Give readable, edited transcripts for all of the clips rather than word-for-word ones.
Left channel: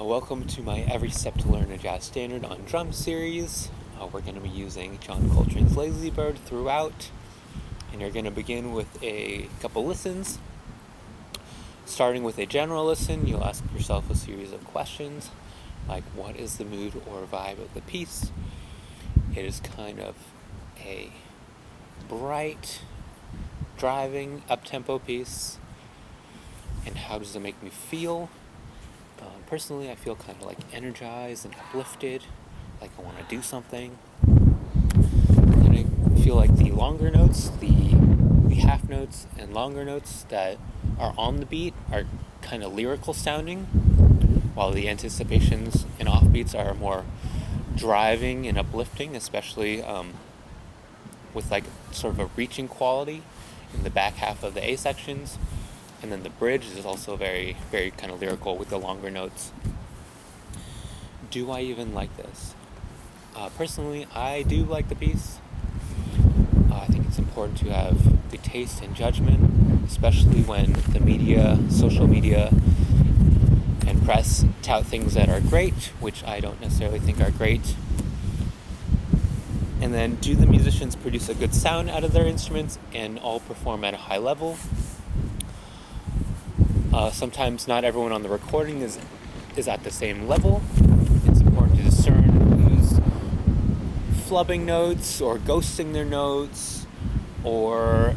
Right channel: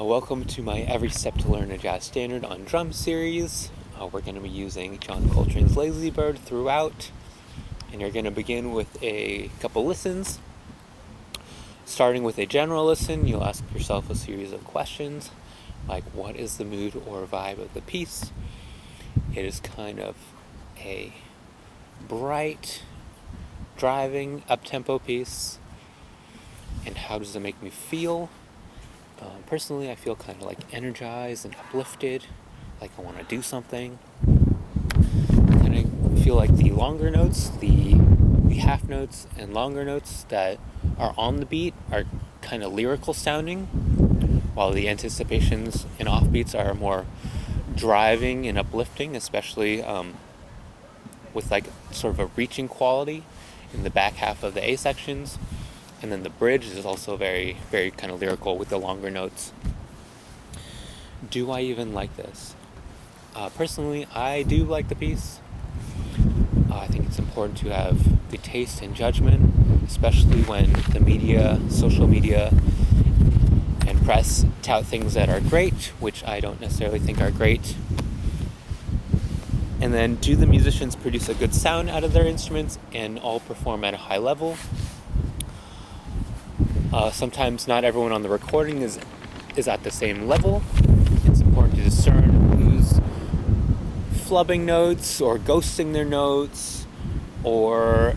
Welcome to my Every Step to Learn a Jazz Standard on Drum series. We're going to be using John Coltrane's Lazy Bird throughout, and you're going to begin with a couple listens. Starting with a general listen, you'll ask yourself a series of questions, like what is the mood or vibe of the piece? It is kind of a bright, driving, up-tempo piece, and how does it make me feel? Personally, I feel kind of like energized and uplifted, like I want to do something. And I feel like the longer notes, the half notes and longer notes that are on the beat are kind of lyrical sounding, while the anticipations and offbeats are more driving and uplifting, especially with like sort of a reaching quality in the back half of the A sections. And then the bridge is also very, very kind of lyrical with the longer notes. Do I even like this? Personally, I do like the piece. I think it's important to have good taste and judgment, especially when the media, social media, and press tout things that are great, which I don't necessarily think are great. And then, do the musicians produce a good sound out of their instruments and all perform at a high level? Sometimes not everyone on the recording is at the same level. It's important to discern who's flubbing notes or ghosting their notes or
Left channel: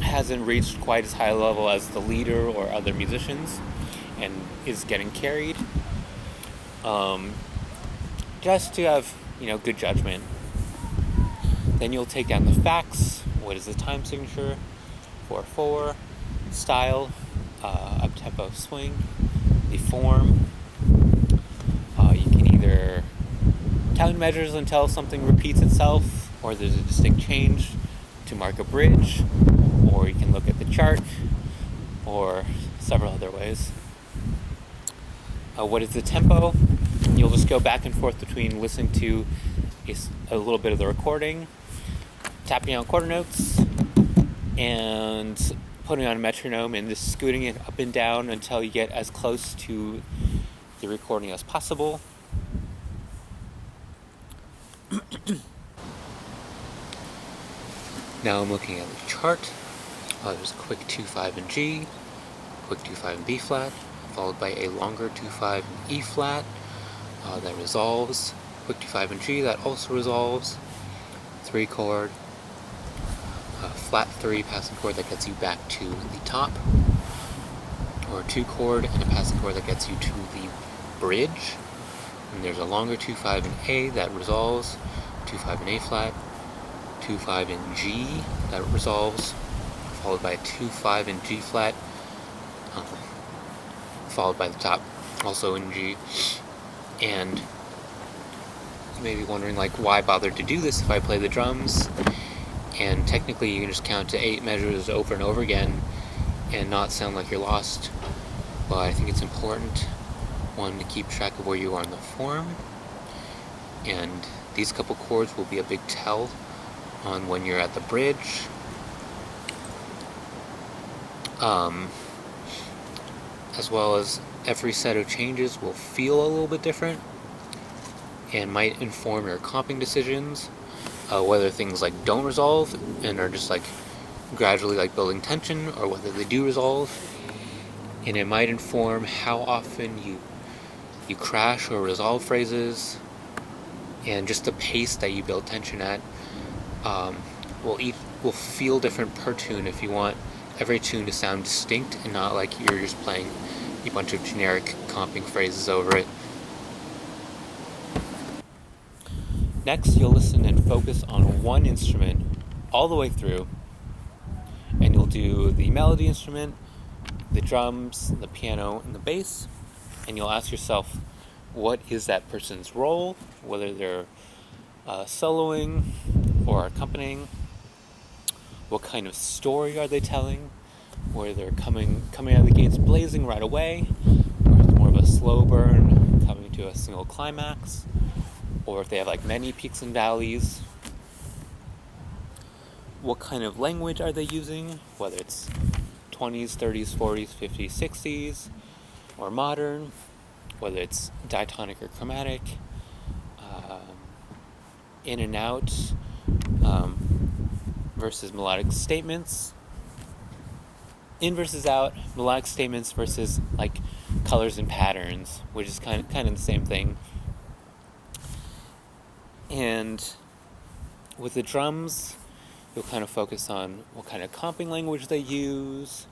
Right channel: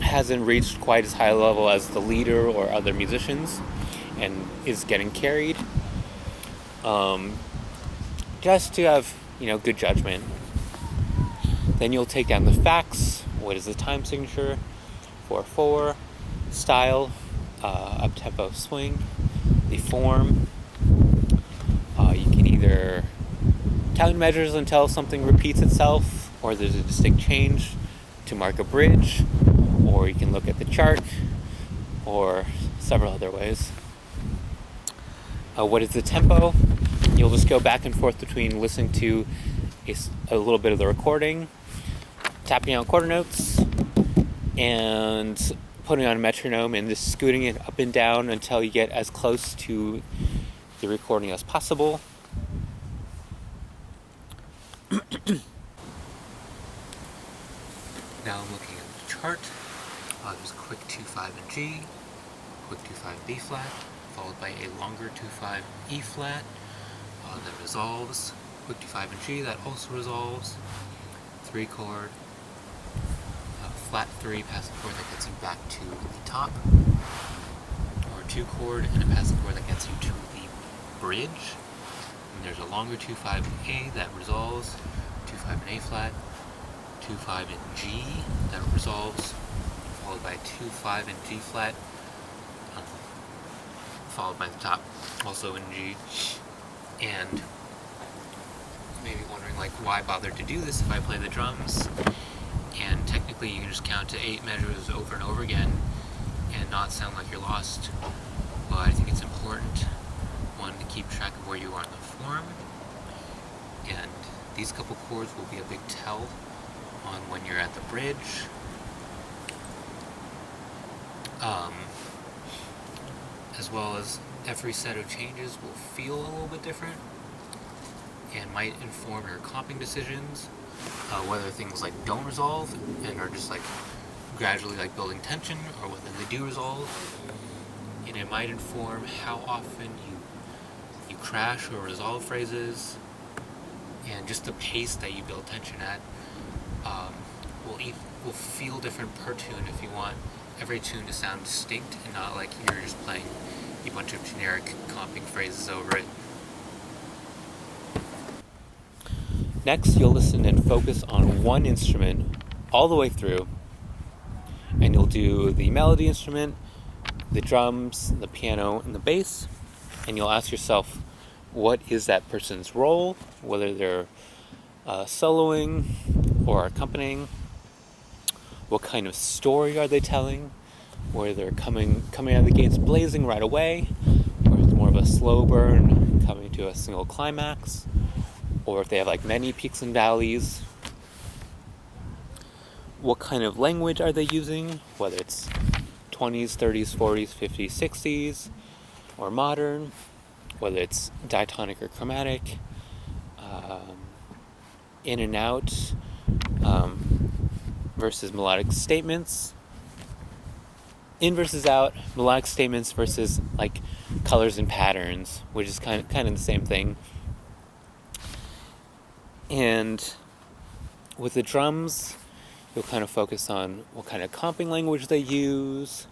hasn't reached quite as high a level as the leader or other musicians and is getting carried. Just to have, good judgment. Then you'll take down the facts. What is the time signature? 4/4, style, up-tempo swing, the form. You can either count measures until something repeats itself, or there's a distinct change to mark a bridge, or you can look at the chart, or several other ways. What is the tempo? You'll just go back and forth between listening to a little bit of the recording, tapping out quarter notes, and putting on a metronome and just scooting it up and down until you get as close to the recording as possible. Now I'm looking at the chart. There's a quick 2/5 in G, quick 2/5 in B flat, followed by a longer 2/5 E flat that resolves, quick 2/5 in G that also resolves, 3 chord, flat 3 passing chord that gets you back to the top, or a 2 chord and a passing chord that gets you to the bridge. And there's a longer 2/5 in A that resolves, 2/5 in A flat, 2/5 in G that resolves, followed by a 2/5 in G flat, followed by the top, also in G. And you may be wondering, why bother to do this if I play the drums? And technically you can just count to 8 measures over and over again and not sound like you're lost. But I think it's important, one, to keep track of where you are in the form. And these couple chords will be a big tell on when you're at the bridge. As well as every set of changes will feel a little bit different and might inform your comping decisions. Whether things don't resolve and are just gradually building tension, or whether they do resolve. And it might inform how often you crash or resolve phrases, and just the pace that you build tension at will feel different per tune if you want every tune to sound distinct and not like you're just playing a bunch of generic comping phrases over it. Next, you'll listen and focus on one instrument all the way through, and you'll do the melody instrument, the drums, the piano, and the bass, and you'll ask yourself, what is that person's role, whether they're soloing or accompanying, what kind of story are they telling, whether they're coming out of the gates blazing right away, or it's more of a slow burn coming to a single climax, or if they have many peaks and valleys. What kind of language are they using, whether it's 20s, 30s, 40s, 50s, 60s, or modern, whether it's diatonic or chromatic, in and out versus melodic statements, in versus out, melodic statements versus like colors and patterns, which is kind of the same thing. And with the drums, you'll kind of focus on what kind of comping language they use,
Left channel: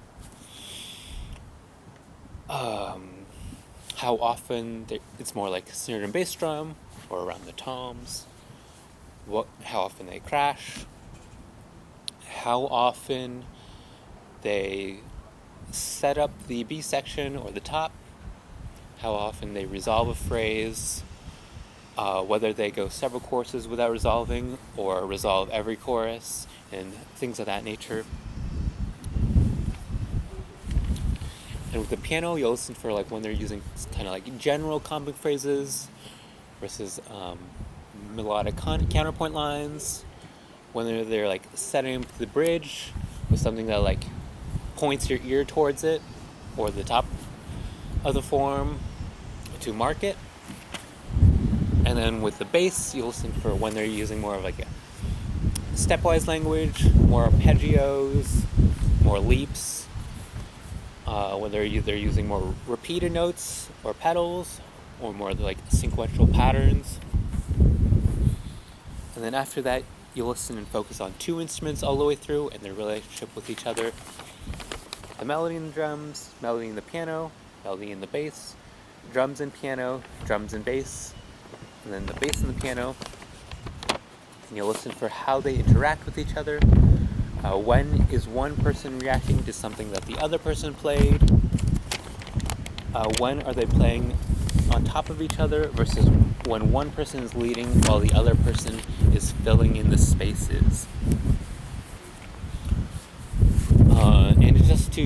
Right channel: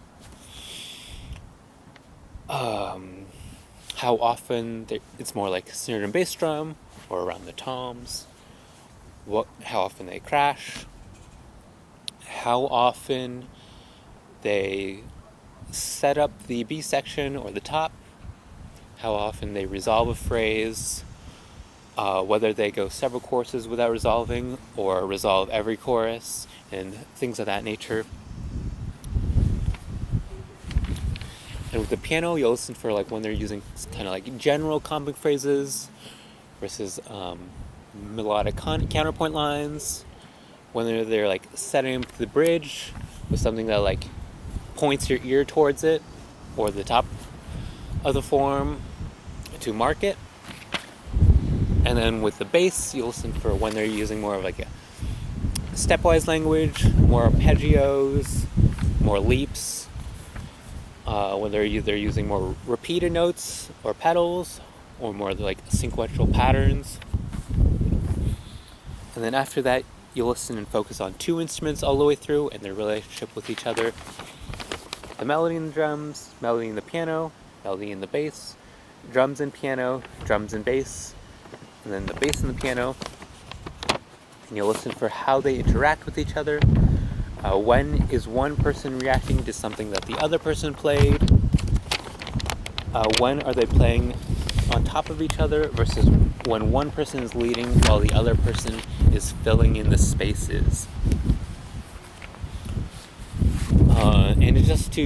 how often it's more like snare and bass drum or around the toms, how often they crash, how often they set up the B section or the top, how often they resolve a phrase, whether they go several choruses without resolving or resolve every chorus, and things of that nature. And with the piano, you'll listen for like when they're using kind of like general comping phrases versus melodic counterpoint lines, when they're like setting up the bridge with something that like points your ear towards it or the top of the form to mark it. And then with the bass, you'll listen for when they're using more of like a stepwise language, more arpeggios, more leaps, when they're either using more repeated notes or pedals, or more like sequential patterns. And then after that, you'll listen and focus on two instruments all the way through and their relationship with each other. The melody in the drums, melody in the piano, melody in the bass, drums and piano, drums and bass, and then the bass and the piano. And you'll listen for how they interact with each other. When is one person reacting to something that the other person played? When are they playing on top of each other versus when one person is leading while the other person is filling in the spaces? And it's just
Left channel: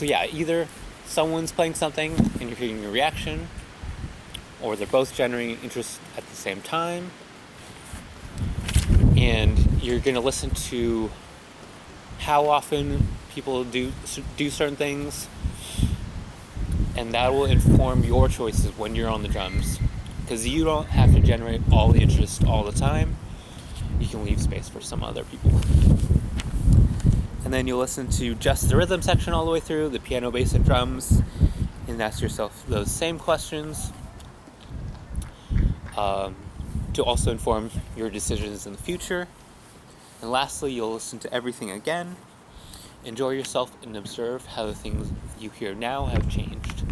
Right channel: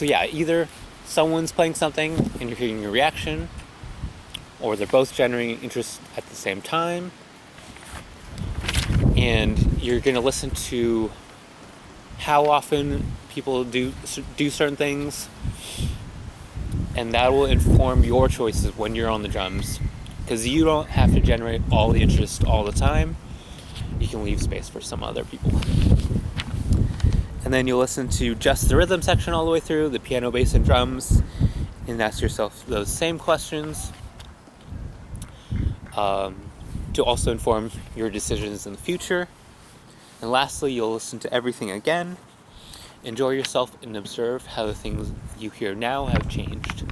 either someone's playing something and you're hearing a reaction, or they're both generating interest at the same time. And you're going to listen to how often people do certain things, and that will inform your choices when you're on the drums, because you don't have to generate all the interest all the time. You can leave space for some other people. And then you'll listen to just the rhythm section all the way through, the piano, bass, and drums, and ask yourself those same questions to also inform your decisions in the future. And lastly, you'll listen to everything again, enjoy yourself, and observe how the things you hear now have changed.